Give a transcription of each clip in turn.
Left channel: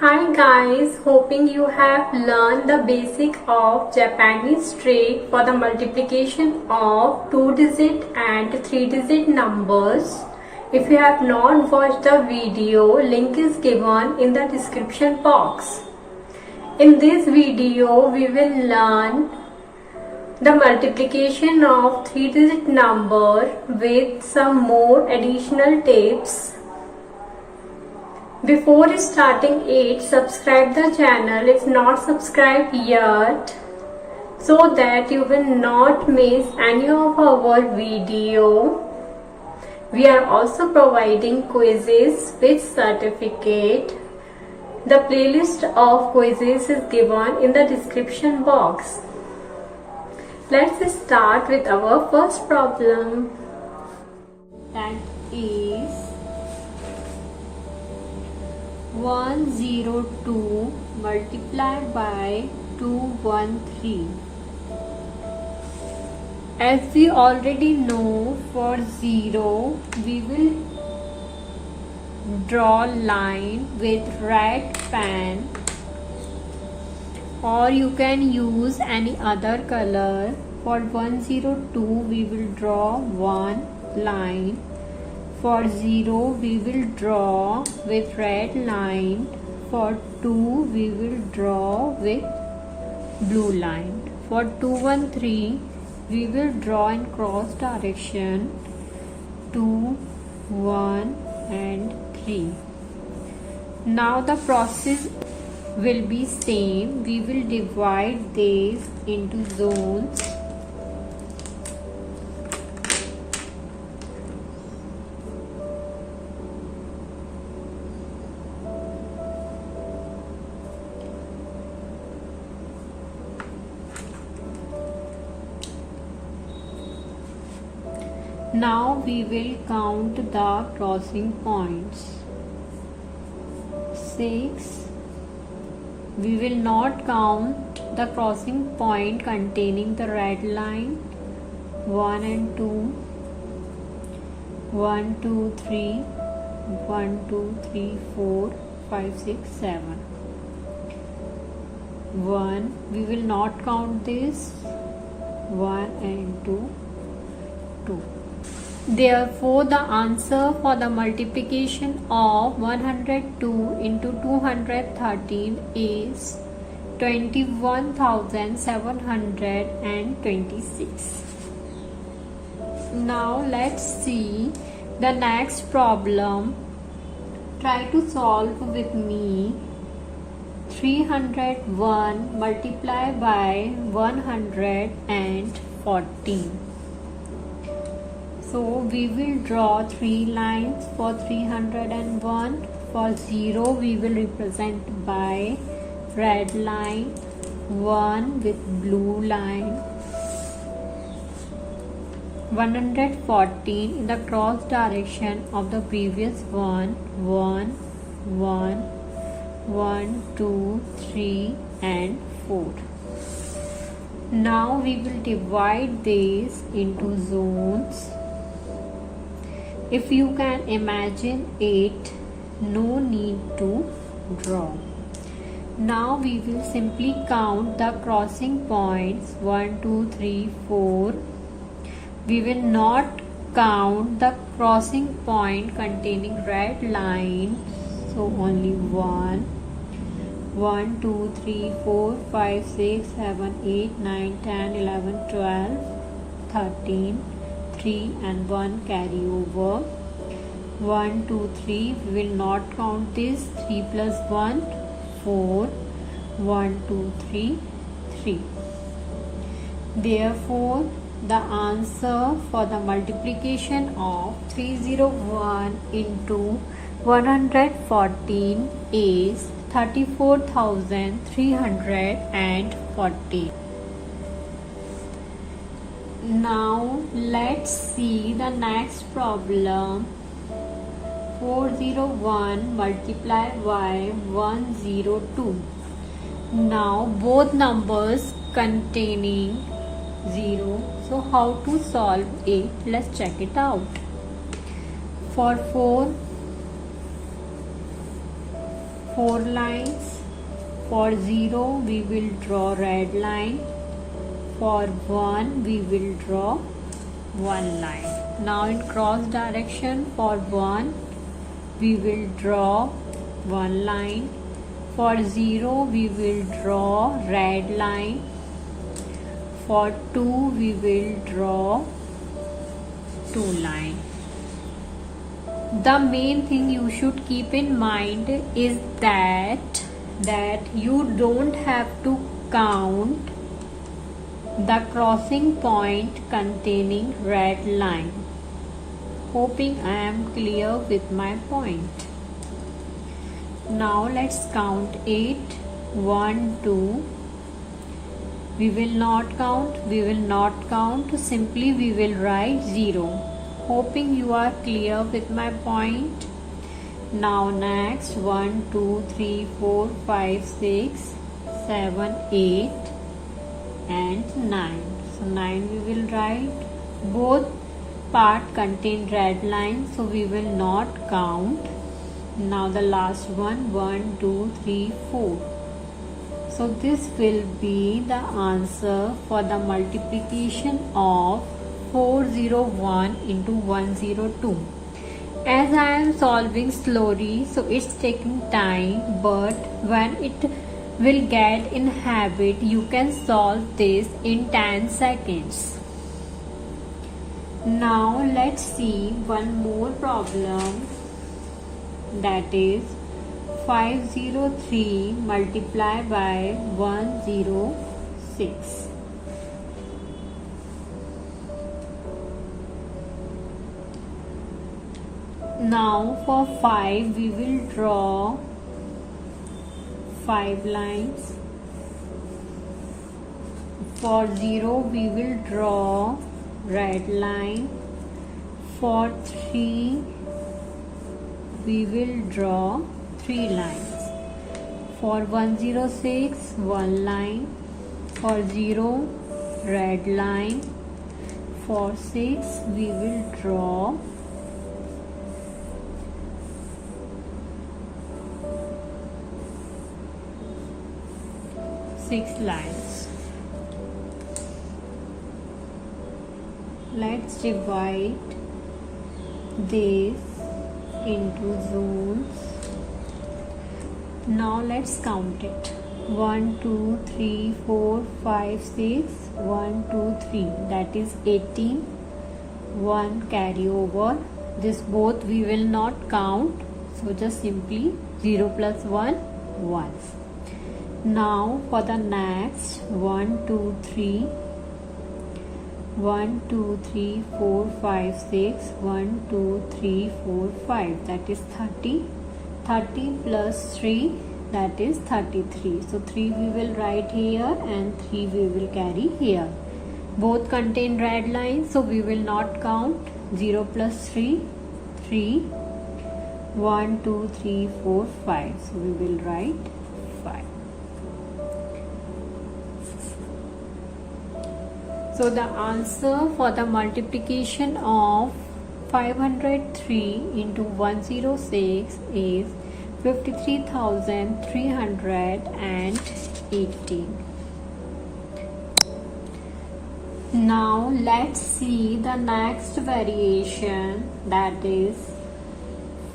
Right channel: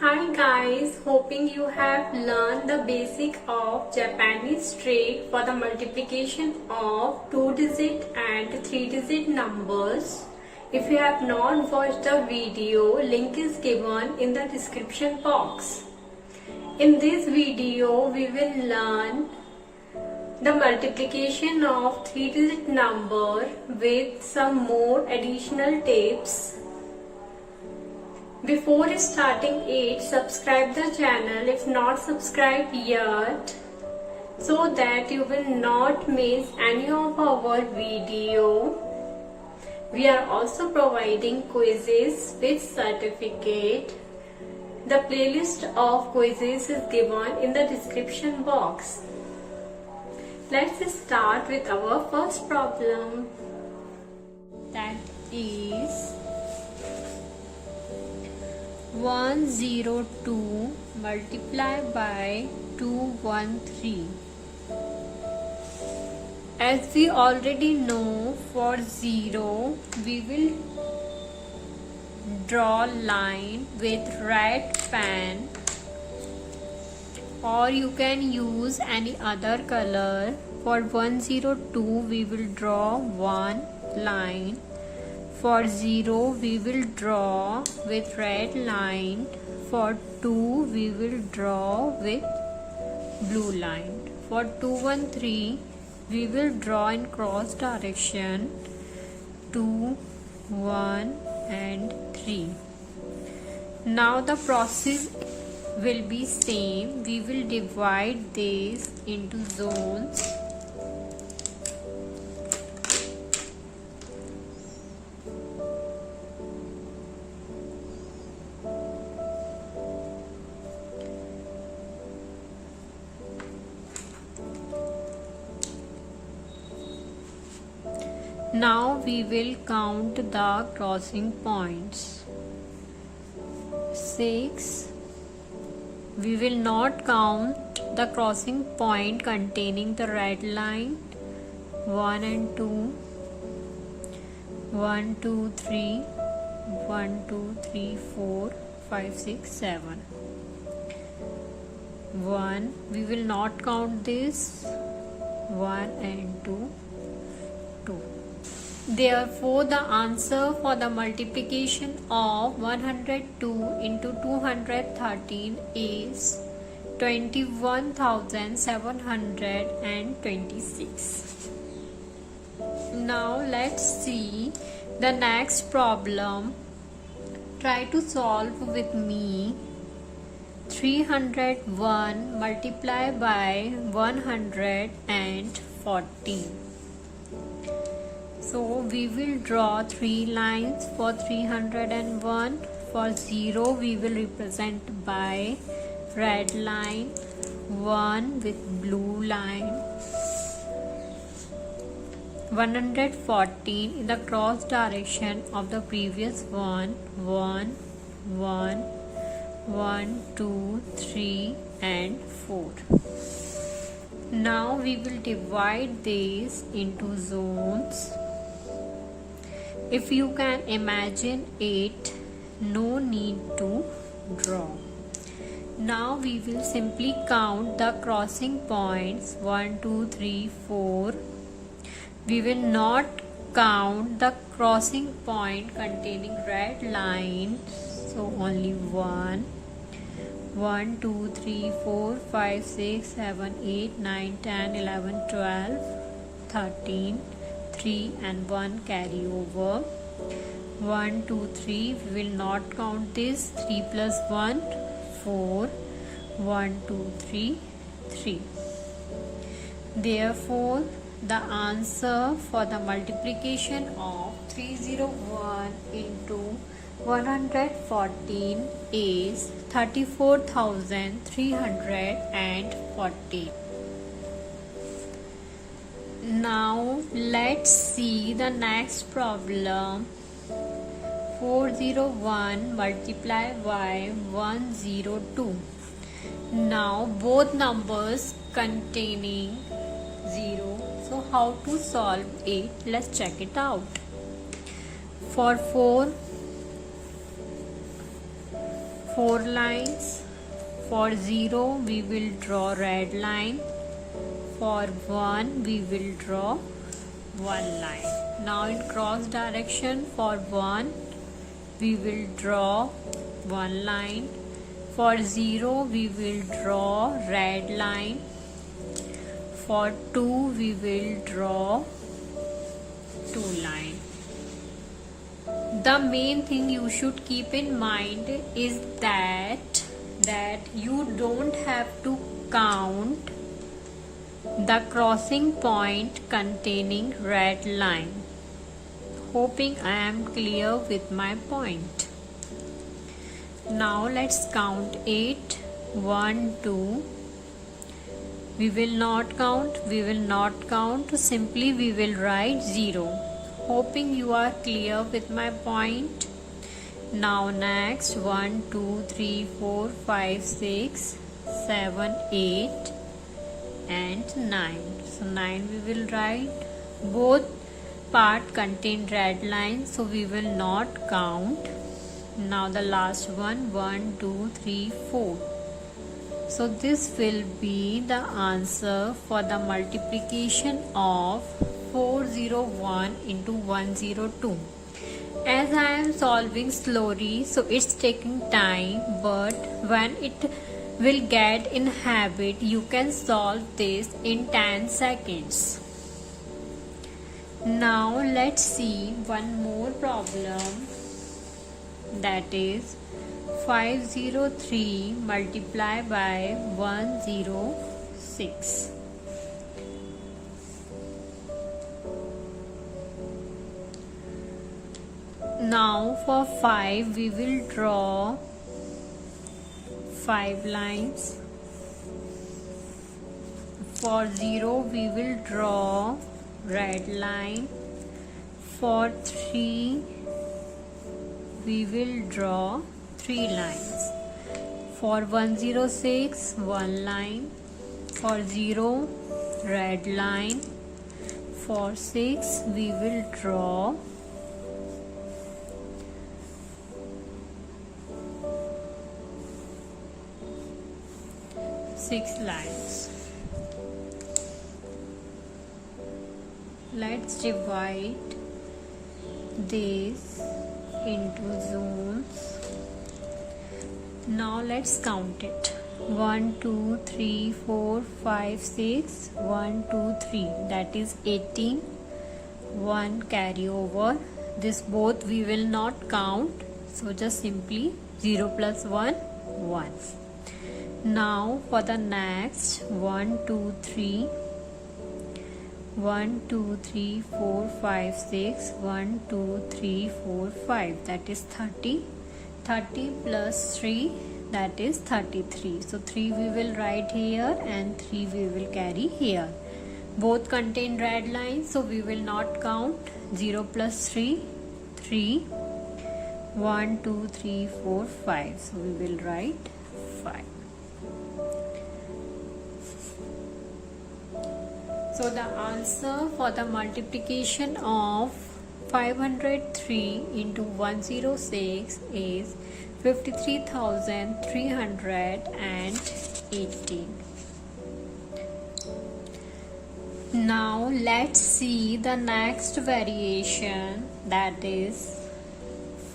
Hi guys, hoping you have learned the basic of Japanese trick for the multiplication of 2-digit and 3-digit numbers. If you have not watched the video, link is given in the description box. In this video, we will learn the multiplication of 3-digit number with some more additional tips. Before starting it, subscribe the channel if not subscribed yet, so that you will not miss any of our video. We are also providing quizzes with certificate. The playlist of quizzes is given in the description box. Let's start with our first problem. That is 102 multiplied by 213. As we already know, for 0 we will draw line with red pen, or you can use any other color. For 102 we will draw one line. For 0 we will draw with red line. For 2 we will draw with blue line. For 213 we will draw in cross direction 2, 1 and 3. Now the process will be same. We will divide this into zones. Now we will count the crossing points. 6. We will not count the crossing point containing the red line. 1 and 2. 1, 2, 3. 1, 2, 3, 4, 5, 6, 7. 1. We will not count this. 1 and 2. 2. Therefore, the answer for the multiplication of 102 into 213 is 21,726. Now let's see the next problem. Try to solve with me. 301 multiplied by 114. So we will draw 3 lines for 301. For 0 we will represent by red line, 1 with blue line. 114 in the cross direction of the previous one. 1, 1, 1, 2, 3 and 4. Now we will divide this into zones. If you can imagine it, no need to draw. Now we will simply count the crossing points 1, 2, 3, 4. We will not count the crossing point containing red line. So only 1, 1, 2, 3, 4, 5, 6, 7, 8, 9, 10, 11, 12, 13. 3 and 1 carry over. 1, 2, 3. We will not count this. 3 plus 1, 4. 1, 2, 3, 3. Therefore, the answer for the multiplication of 301 into 114 is 34,340. Now let's see the next problem. 401 multiplied by 102. Now both numbers containing 0. So how to solve it? Let's check it out. For 4 4 lines. For 0 we will draw red line. For 1 we will draw 1 line. Now in cross direction, for 1 we will draw 1 line. For 0 we will draw red line. For 2 we will draw 2 line. The main thing you should keep in mind is that you don't have to count the crossing point containing red line. Hoping I am clear with my point. Now let's count 8, 1, 2. We will not count. Simply we will write 0. Hoping you are clear with my point. Now next 1, 2, 3, 4, 5, 6, 7, 8 and 9. So 9 we will write. Both part contain red line, so we will not count. Now the last one, 1, 2, 3, 4. So this will be the answer for the multiplication of 401 into 102. As I am solving slowly, so it's taking time, but when it will get in habit, you can solve this in 10 seconds. Now let's see one more problem, that is 503 multiplied by 106. Now for 5 we will draw 5 lines. For 0 we will draw red line. For 3 we will draw 3 lines. For 106 1 line. For 0 red line. For 6 we will draw 6 lines. Let's divide this into zones. Now let's count it. 1, 2, 3, 4, 5, 6. 1, 2, 3. That is 18. 1 carry over. This both we will not count. So just simply 0 plus 1, 1. Now for the next 1, 2, 3. 1, 2, 3, 4, 5, 6. 1, 2, 3, 4, 5. That is 30. 30 plus 3, that is 33. So 3 we will write here and 3 we will carry here. Both contain red lines, so we will not count. 0 plus 3, 3. 1, 2, 3, 4, 5. So we will write 5. So the answer for the multiplication of 503 into 106 is 53,318. Now let's see the next variation, that is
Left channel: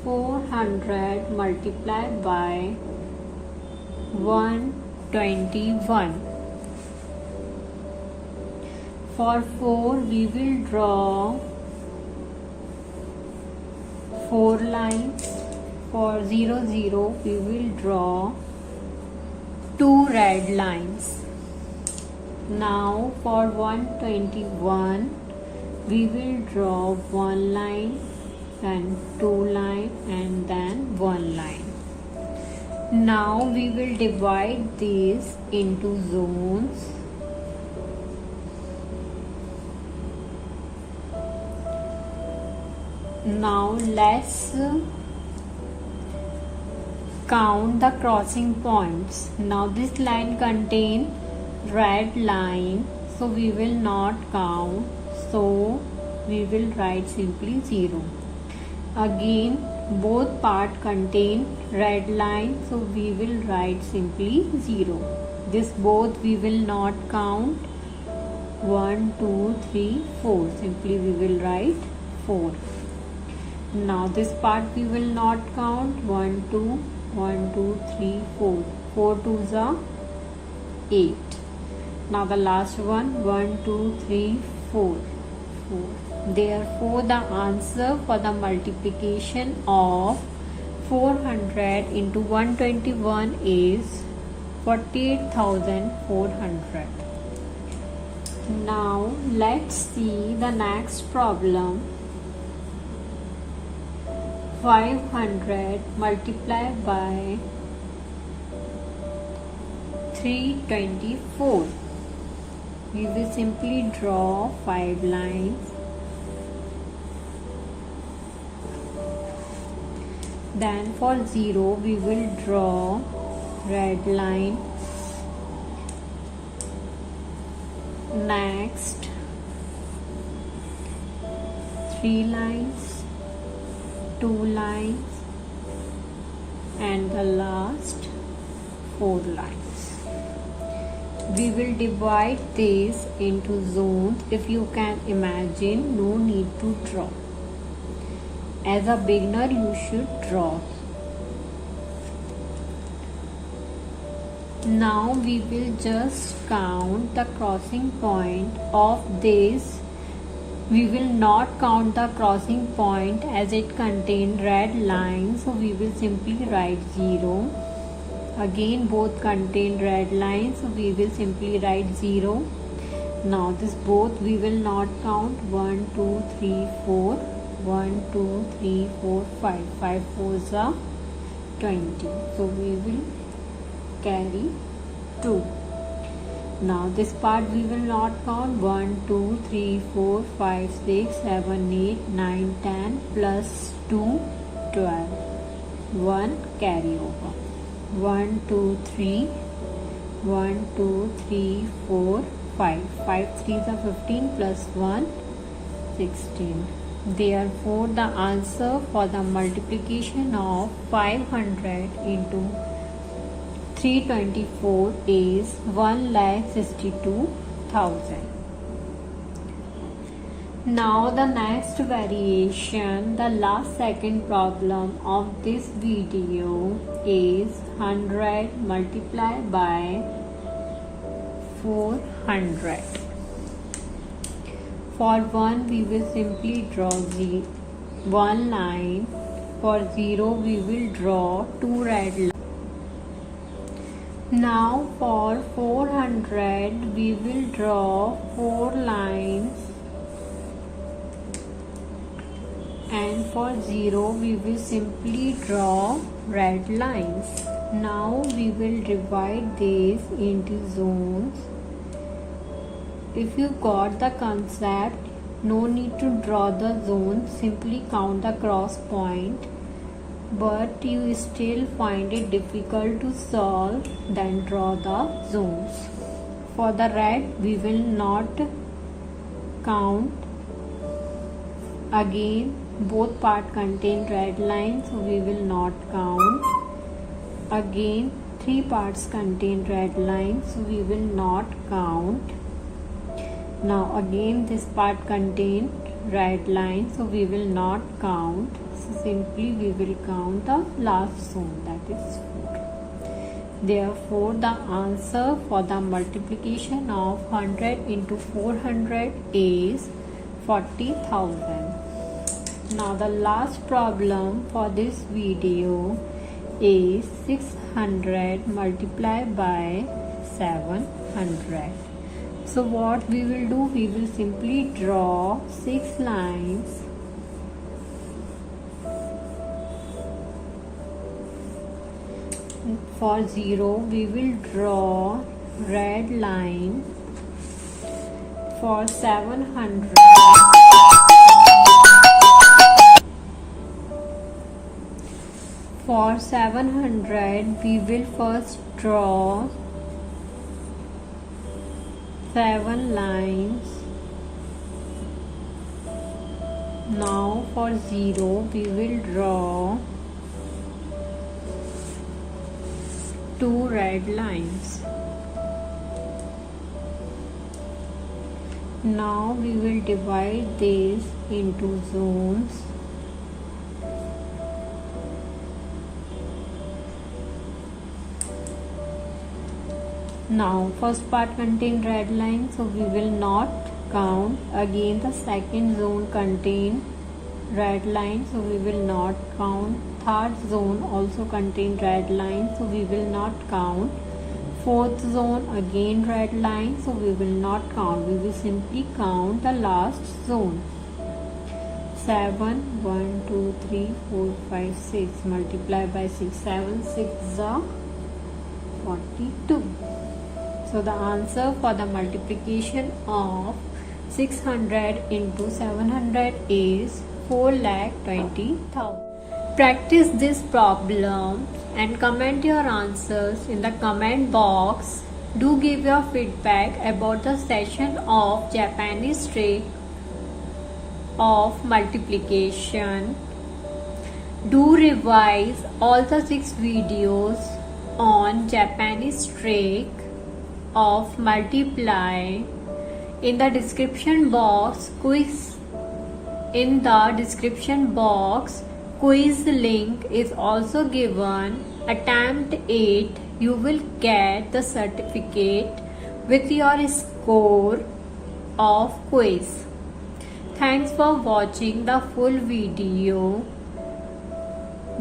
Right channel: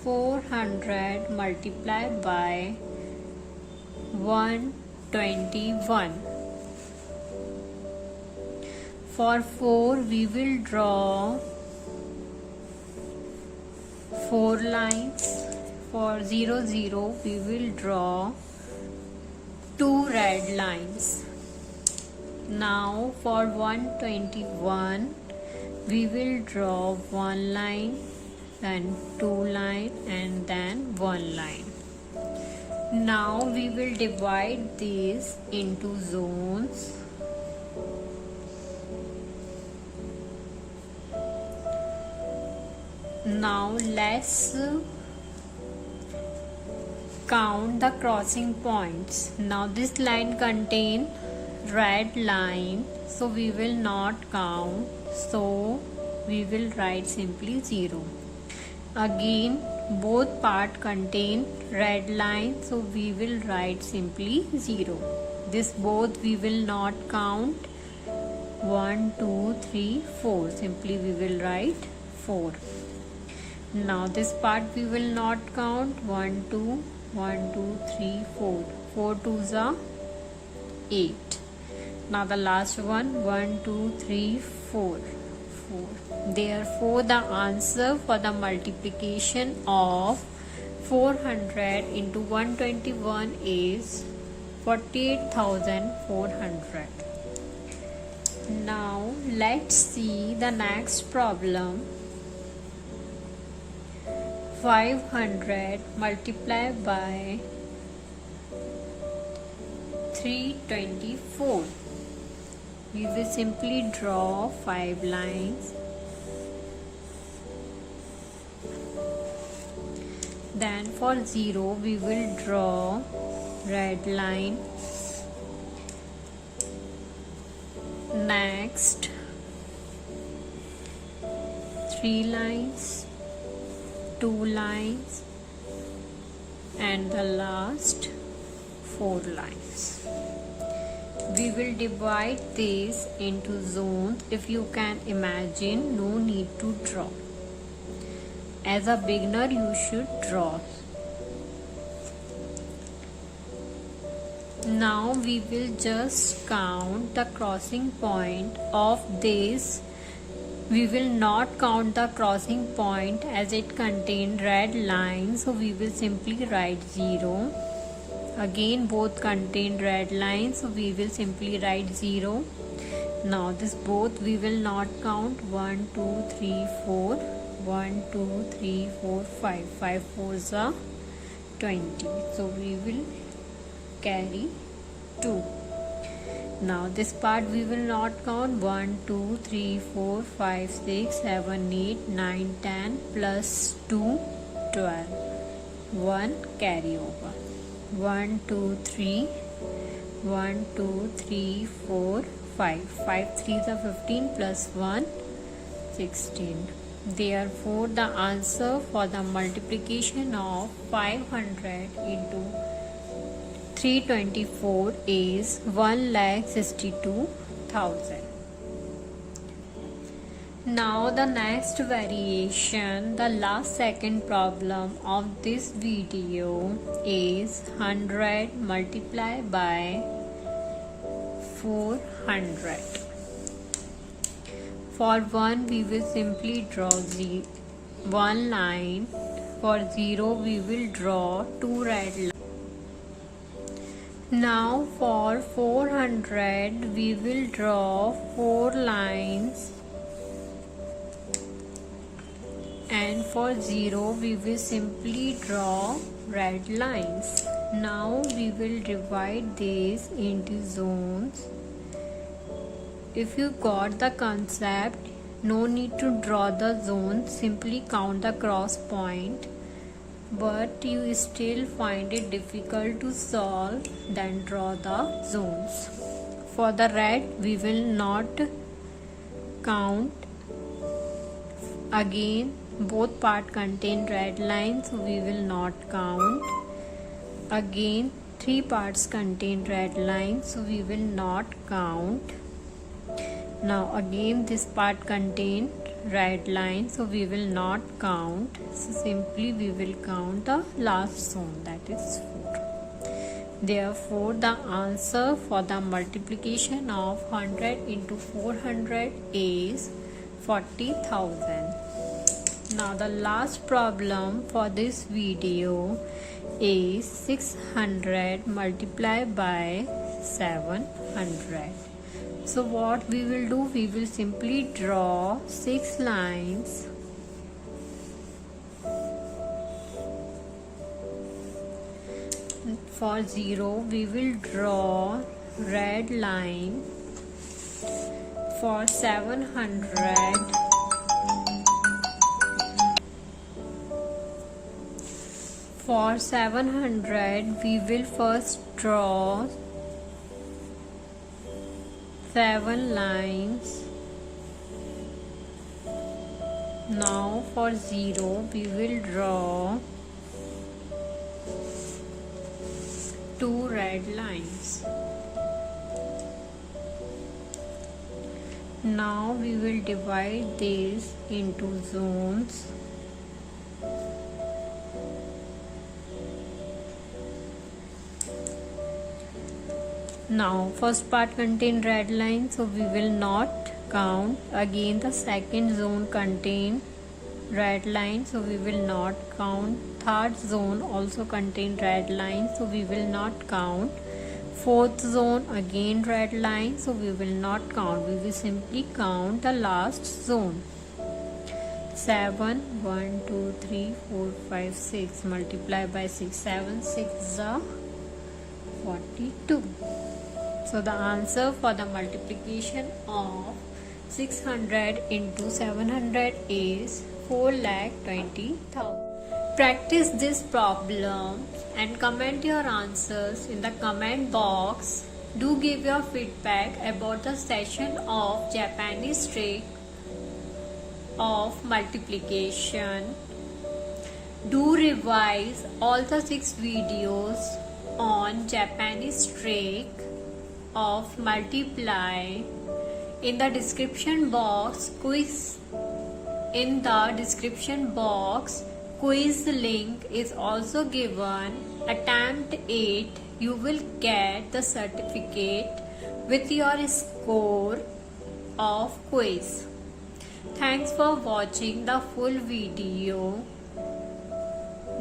400 multiplied by 121. For 4 we will draw 4 lines. For 0, 0 we will draw 2 red lines. Now for 121 we will draw 1 line and 2 line and then 1 line. Now we will divide these into zones. Now let's count the crossing points. Now this line contains red line, so we will not count. So we will write simply 0. Again both part contain red line, so we will write simply 0. This both we will not count. 1 2 3 4, simply we will write 4. Now this part we will not count. 1 2 1 2 3 4, 4 2s are 8. Now the last one, 1 2 3 4, 4. Therefore the answer for the multiplication of 400 into 121 is 48,400. Now let's see the next problem. 500 multiplied by 324. We will simply draw 5 lines. Then for 0 we will draw red line. Next 3 lines, 2 lines, and the last 4 lines. We will divide this into zones. If you can imagine, no need to draw. As a beginner, you should draw. Now we will just count the crossing point of this. We will not count the crossing point as it contained red line, so we will simply write 0. Again both contain red lines, so we will simply write 0. Now this both we will not count. 1 2 3 4, 1 2 3 4 5, 5 4s are 20, so we will carry 2. Now this part we will not count. 1 2 3 4 5 6 7 8 9 10 plus 2 12, 1 carry over. 1 2 3 1 2 3 4 5, 5 3s are 15 plus 1 16. Therefore the answer for the multiplication of 500 into 324 is 1,62,000. Now the next variation, the last second problem of this video is 100 multiplied by 400. For 1 we will simply draw 1 line. For 0 we will draw 2 red lines. Now for 400 we will draw 4 lines, and for 0 we will simply draw red lines. Now we will divide this into zones. If you got the concept, no need to draw the zone, simply count the cross point. But you still find it difficult to solve, then draw the zones. For the red we will not count. Again both part contain red lines, so we will not count. Again 3 parts contain red lines, so we will not count. Now again this part contain red line, so we will not count. So simply we will count the last zone, that is 4. Therefore the answer for the multiplication of 100 into 400 is 40,000. Now the last problem for this video is 600 multiplied by 700. So what we will do, we will simply draw 6 lines. For 0 we will draw red line. For 700 we will first draw 7 lines. Now for 0 we will draw 2 red lines. Now we will divide this into zones. Now first part contain red line, so we will not count. Again the second zone contain red line, so we will not count. Third zone also contain red line, so we will not count. Fourth zone again red line, so we will not count. We will simply count the last zone. 7, 1, 2, 3, 4, 5, 6. Multiply by 6. 7, 6 are 42. So the answer for the multiplication of 600 into 700 is 4,20,000. Practice this problem and comment your answers in the comment box. Do give your feedback about the session of Japanese trick of multiplication. Do revise all the 6 videos on Japanese trick of multiply. In the description box quiz link is also given. Attempt it. You will get the certificate with your score of quiz. Thanks for watching the full video.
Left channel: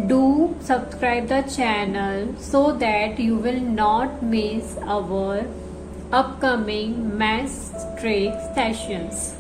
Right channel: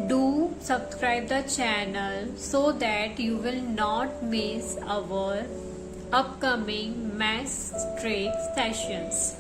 Do subscribe the channel so that you will not miss our upcoming math trick sessions.